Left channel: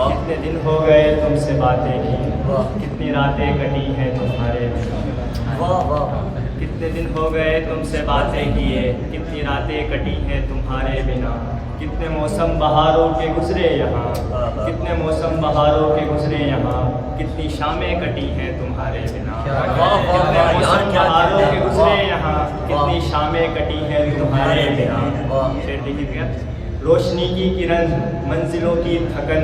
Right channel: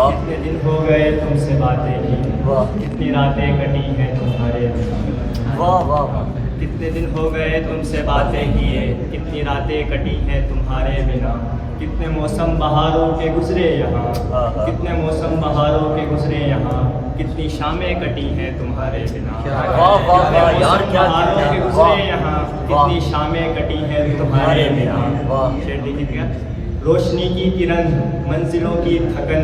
कितने दिन हो गए तुमसे बातें की, कितनी रातें कटी हैं तुम्हारे बिना। कितने दिन हो गए तुमसे बातें किए, कितनी रातें कटी हैं तुम्हारे बिना। कितने मौसम बहारों के गुजरे यहाँ, कितने मौसम बहारों के गुजरे यहाँ। कितनी शामें कटी हैं तुम्हारे बिना। कितने मौसम बहारों के गुजरे यहाँ, कितनी शामें कटी हैं तुम्हारे बिना। शेर देखिए क्या, रोशनी की किरण मंजिलों की थकन,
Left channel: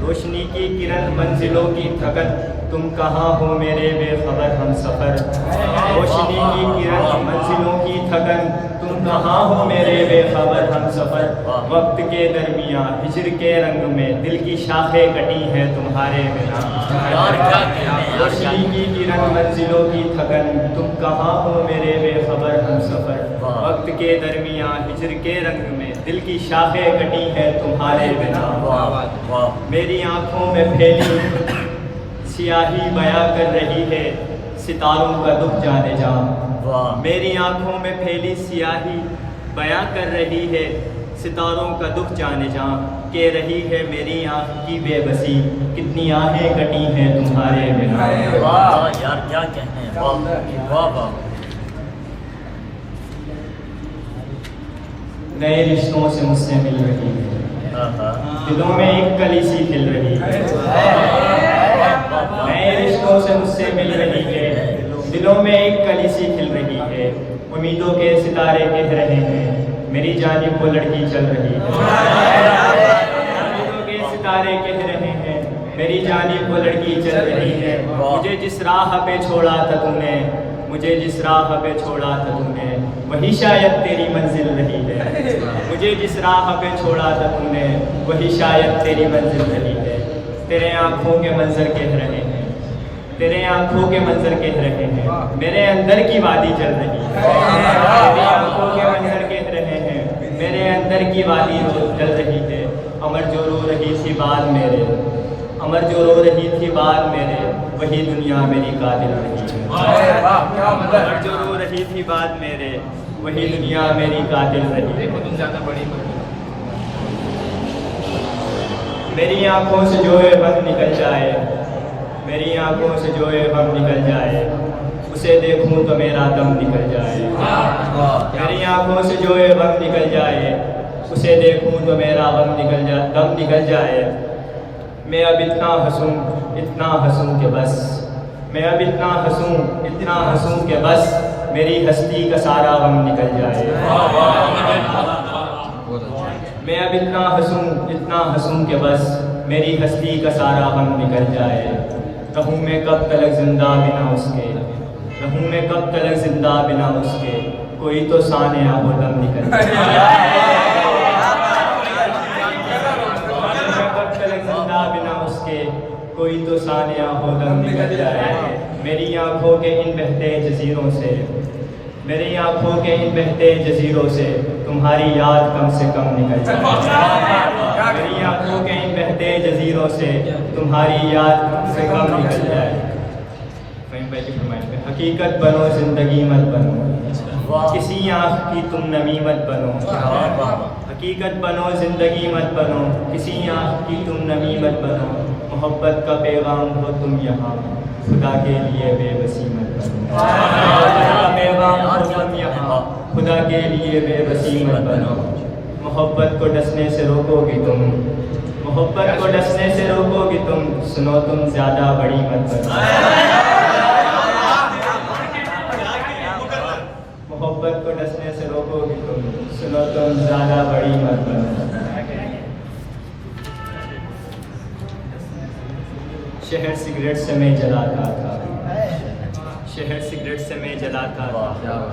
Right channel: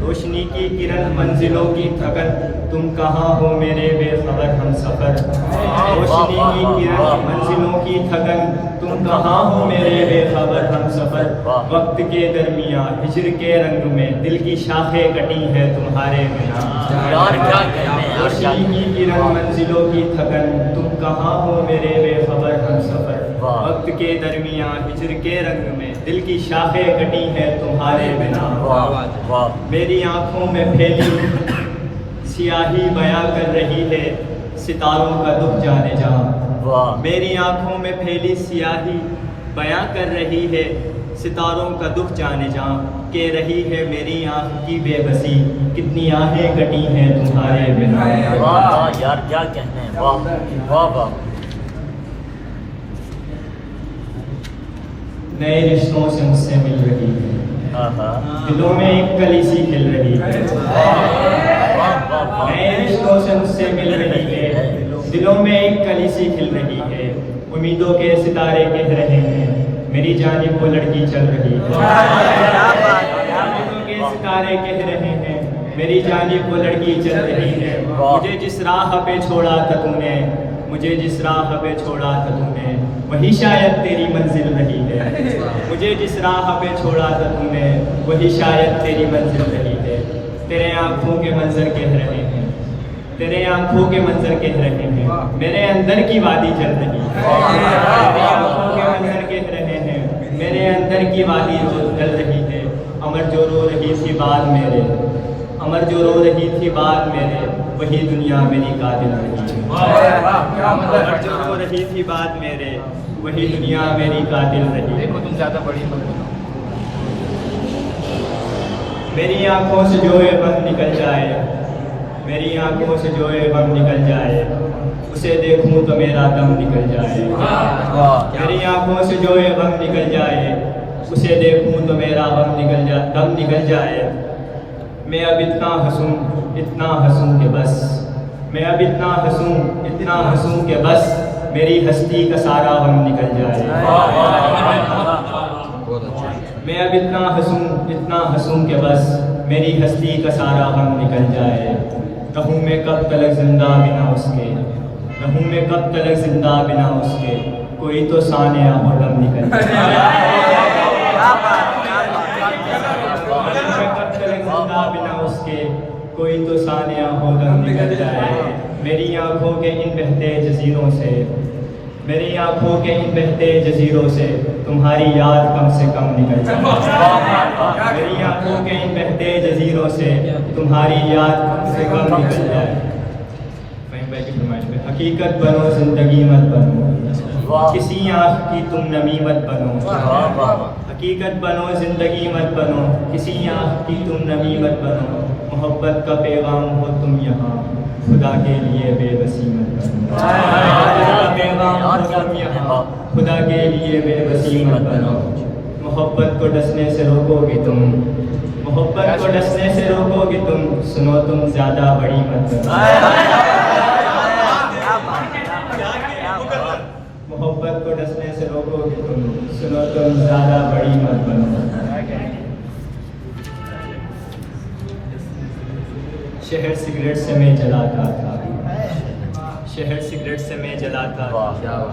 रोशनी की किरण मंजिलों की थकन। तुम कहाँ हो मेरे बेखबर हम सफ़र। रोशनी की किरण मंजिलों की थकन, तुम कहाँ हो मेरे बेखबर हम सफ़र। वक्त के दरमियाँ हिजर के रंग में दिल की शाखें कटी हैं तुम्हारे बिना। रोशनी की किरण मंजिलों की थकन, तुम कहाँ हो मेरे बेखबर हम सफ़र। वक्त के दरमियाँ हिजर के रंग में दिल की शाखें कटी हैं तुम्हारे बिना। मेरी आँखों में फैली सियाही बयां कर रही है सितारों का दुख जाने जा। मेरी आँखों में फैली सियाही बयां कर रही है सितारों का दुख जाने जा। कह रही है मेरी आँख की बेबसी, कितनी आहें कटी हैं तुम्हारे बिना। यार क्या कहते हैं, वाह। नए रिश्तों से मुझसे मिल रही है, दिलों में एक कली सी खिल रही है। नए रिश्तों से मुझसे मिल रही है, दिलों में एक कली सी खिल रही है। उम्मीदों के सितारे कह रहे हैं मेरी जानिब वो लड़की चल रही है। उम्मीदों के सितारे कह रहे हैं मेरी जानिब वो लड़की चल रही है। मुझे जिस राह पे छोड़ा था तूने, मुझे जिस राह पे छोड़ा था तूने, वही शायद तेरी मंजिल रही है। मुझे जिस राह पे छोड़ा था तूने, वही शायद तेरी मंजिल रही है। तेरे आँखों के मंजर कह रहे हैं, तेरे आँखों के मंजर कह रहे हैं मेरे अंदर की वादी जल रही है। तेरी आँखों के मंजर कह रहे हैं मेरे अंदर की वादी रोज जल रही है। अमर जो रो रही थी बात मेरे, अमर जो रो रही थी बात मेरे, वही दुनिया मेरी कातिल रही है। अमर जो रो रही थी बात मेरे, वही दुनिया मेरी कातिल रही है। मेरी आँखों से जो ये गम निकल जाए, मेरी आँखों से जो ये गम निकल जाए, उसे देखूं तो मेरा दम निकल जाए। मेरी आँखों से जो ये गम निकल जाए, उसे देखूं तो मेरा दम निकल जाए। मैं अब इतना हंसूं कि बस, मैं अब इतना हंसूं कि बस मेरी हस्ती का सारा गम निकल जाए। मैं अब इतना हंसूं कि बस मेरी हस्ती का सारा गम निकल जाए। रहूं मैं कब तलक जिंदा बिना उसके, रहूं मैं कब तलक जिंदा बिना उसके, कोई तो सानिया हो दम निकल जाए। कब तलक जिंदा बिना उसके, कोई तो सानिया हो दम निकल जाए। मेरी आँखों के इन बहते जजीरों से, मेरी आँखों के इन बहते जजीरों से तुम्हारी याद कम से कम निकल जाए। मेरी आँखों के इन बहते जजीरों से तुम्हारी याद कम से कम निकल जाए। फ़हीम भाई की फरमाइश में, हकीकत बनो ज़िंदगी मत बनो, किसी आँख की तुम नमी मत बनो। हकीकत बनो ज़िंदगी मत बनो, किसी आँख की तुम नमी मत बनो। मोहब्बत का पैगाम हो तुम यहाँ, खुदा के लिए बेबसी मत बनो। मोहब्बत का पैगाम हो तुम यहाँ, खुदा के लिए बेबसी मत बनो। मोहब्बत को डसने से रोकोगे तुम, मोहब्बत को डसने से रोकोगे तुम, सुनो तुम ज़्यादा बड़ी मत बनो। मोहब्बत को डसने से रोकोगे तुम, सुनो तुम ज़्यादा बड़ी मत बनो। शहर सिगरेट से मैं जलाता था, शहर सिगरेट से मैं जलाता था,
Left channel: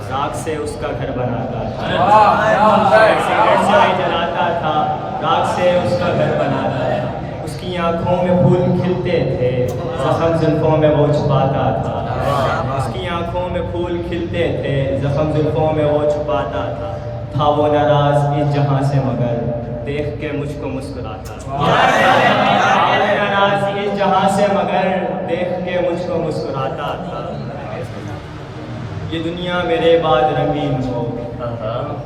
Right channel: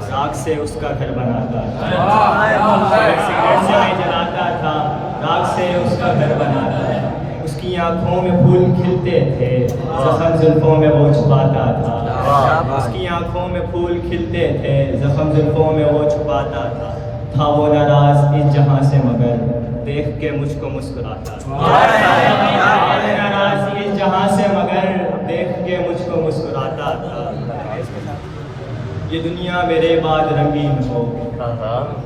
राख से उसका घर बनाता था। शहर सिगरेट से मैं जलाता था, राख से उसका घर बनाता था। उसकी आँखों में फूल खिलते थे, ज़ख्म जुल्फ़ों में वो छुपाता था। उसकी आँखों में फूल खिलते थे, ज़ख्म जुल्फ़ों में वो छुपाता था। था वो नाराज़ इस जहाँ से मगर देख के मुझको मुस्कुराता था। नाराज़ इस जहाँ से मगर देख के मुझको मुस्कुराता था। ये दुनिया मेरे बाद रंगीन हो,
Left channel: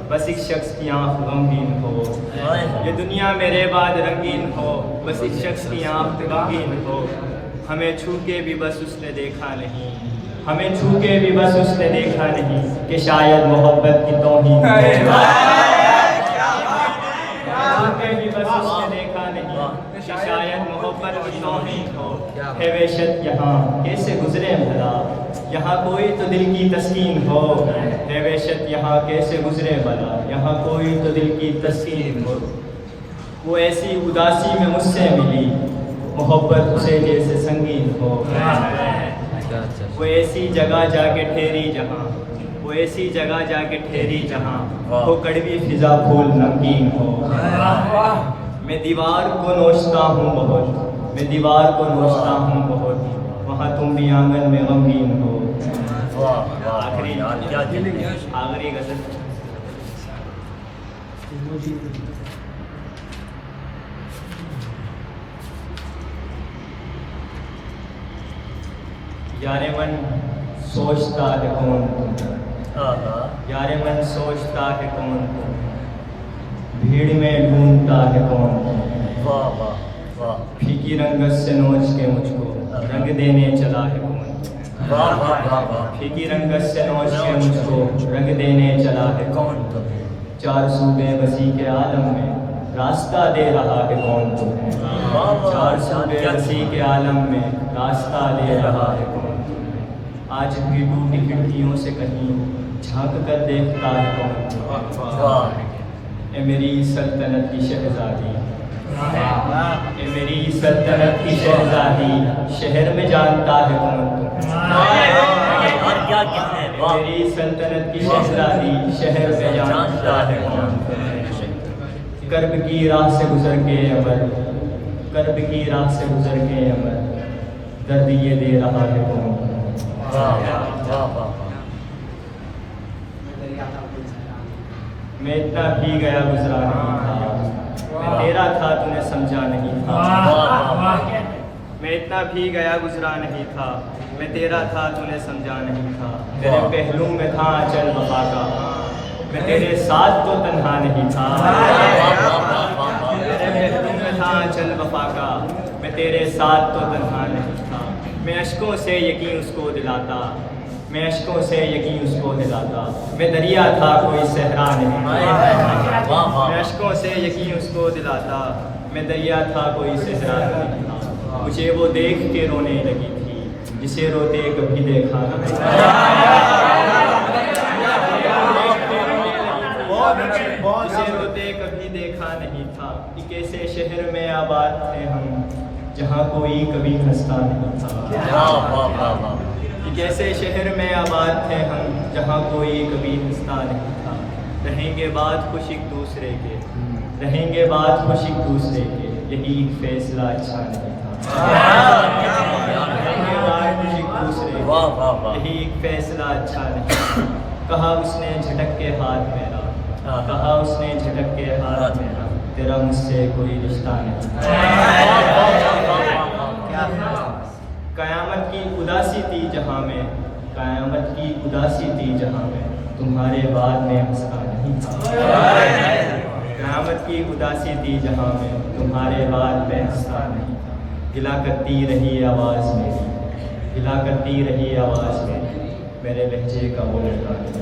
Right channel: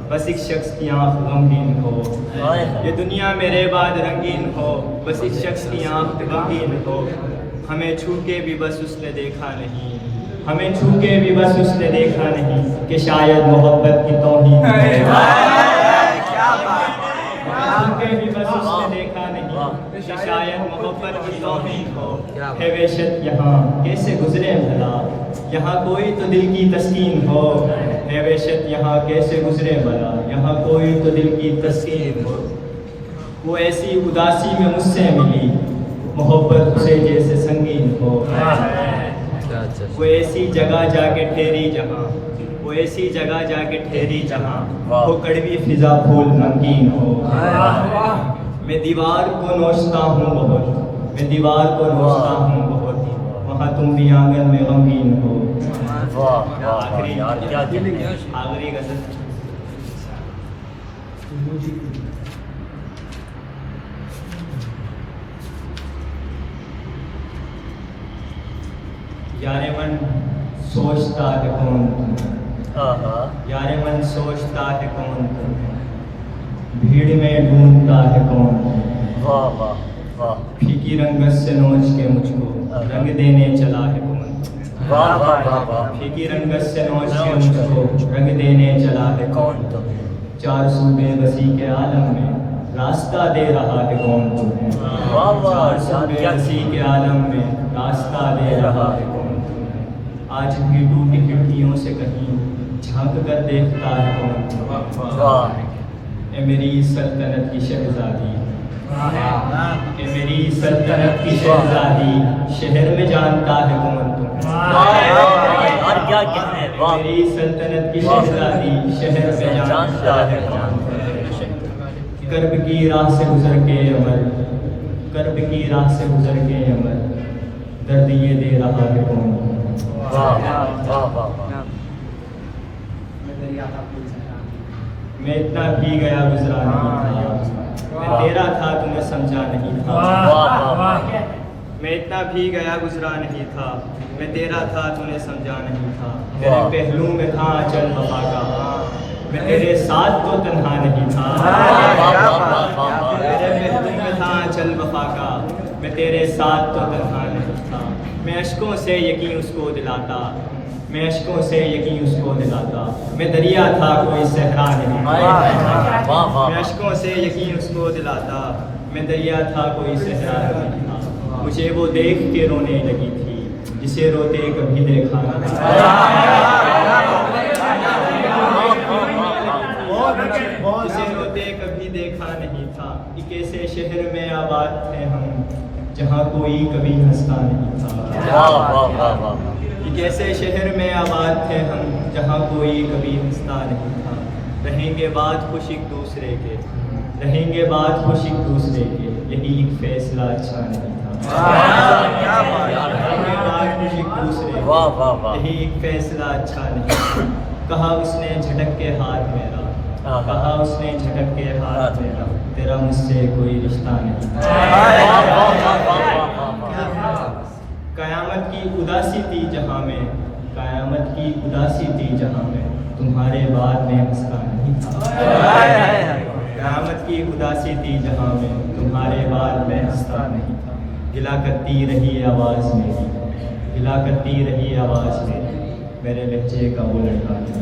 बस एक शख्स की आँख गमगीन हो, ये दुनिया मेरे बाद रंगीन हो, बस एक शख्स की आँख गमगीन हो। हमें छू के भी बस उसने देखा नहीं, हमें छू के भी बस उसने देखा नहीं कि शायद मोहब्बत की तौहीन हो। छू के भी बस उसने देखा नहीं कि शायद मोहब्बत की तौहीन हो। है बेशक यहाँ कैसे गुजरे भला, यहाँ कोई तो दिल की तस्कीन हो। है बेशक यहाँ कैसे गुजरे भला, यहाँ कोई तो दिल की तस्कीन हो। वो ऐसी उदासी में मुझसे मिली, मोहब्बत उसे जैसे संगीन हो। वो ऐसी जगह जाके ठहरी जहाँ, वो ऐसी जगह जाके ठहरी जहाँ हो कड़वी फिजा फूल नमकीन हो। मैं दीवार को नोचता हूँ बहुत, मैं दीवार को नोचता हूँ बहुत, वहाँ तुम भी आंगन में गमगीन हो। आखिरी गज़ल। यारे मन सोचता है कौन तुम, यारे मन सोचता है कौन तुम, भीड़ में ढूंढता है कौन तुम। फीकी रंगत से नोच के मुझको रंग देने चला है कौन तुम। फीकी रंगत से नोच के मुझको रंग देने चला है कौन तुम। चार सूबे बसी के आलम में रास्ता दे रहा है कौन तुम्हें। चार सूबे बसी के आलम में रास्ता दे रहा है कौन तुम्हें। आज भी टूटी खिड़कियों से कहीं झांक कर देखता है कौन तुम्हें। ए मेरी सल्तनत की शहजादी, ए मेरी सल्तनत की शहजादी, शहर में जानता है कौन तुम्हें। मेरी सल्तनत की शहजादी, शहर में जानता है कौन तुम्हें। कर्ब की राह से गुजर के अमर, कर्ब की राह से गुजर के अमर, दर्द ये दे रहा है कौन तुम्हें। मैं इतना भी गया गुजरा नहीं था, मैं तेरा था तूने समझा नहीं था। मैं इतना भी गया गुजरा नहीं था, मैं तेरा था तूने समझा नहीं था। तेरे पहलू में था अचल वफा का, मैं तेरे साथ तो तन्हा नहीं था। तेरे पहलू में था अचल वफा का, मैं तेरे साथ तो तन्हा नहीं था। मैं अश्कों से यकीन उसको दिलाता, मैं अश्कों से यकीन उसको दिलाता। मैं दरिया था कोई सहरा नहीं, मैं अश्कों से यकीन उसको दिलाता। मैं दरिया था कोई सहरा नहीं था। मुझे वो देख के रोने लगी थी जिसे रोते कभी देखा नहीं। जिसे रोते कभी देखा नहीं था। एक ऐसे शहर में आबाद थे हम जहाँ कोई कभी हंसता नहीं था। एक ऐसे शहर में आबाद थे हम जहाँ कोई कभी हंसता नहीं था। रहेंगे बात खुश एक दूसरे के, रहेंगे बात खुश एक दूसरे के, यही एक फैसला अच्छा नहीं था। रहेंगे बात खुश एक दूसरे के, यही एक फैसला अच्छा नहीं था। कहा उसने झटक के हाथ मेरा, कहा उसने झटक के हाथ मेरा, तेरा मुझसे कोई रिश्ता नहीं था। कयामत की उदासी थी जहाँ में, कयामत की उदासी थी जहाँ में, तुम्हारे बाद में हंसता नहीं था। कयामत की उदासी थी जहाँ में, तुम्हारे बाद में हंसता नहीं। गिला करती रही आवाज़ मेरी, गिला करती रही आवाज़ मेरी, मेरे लहजे का वो लड़का नहीं।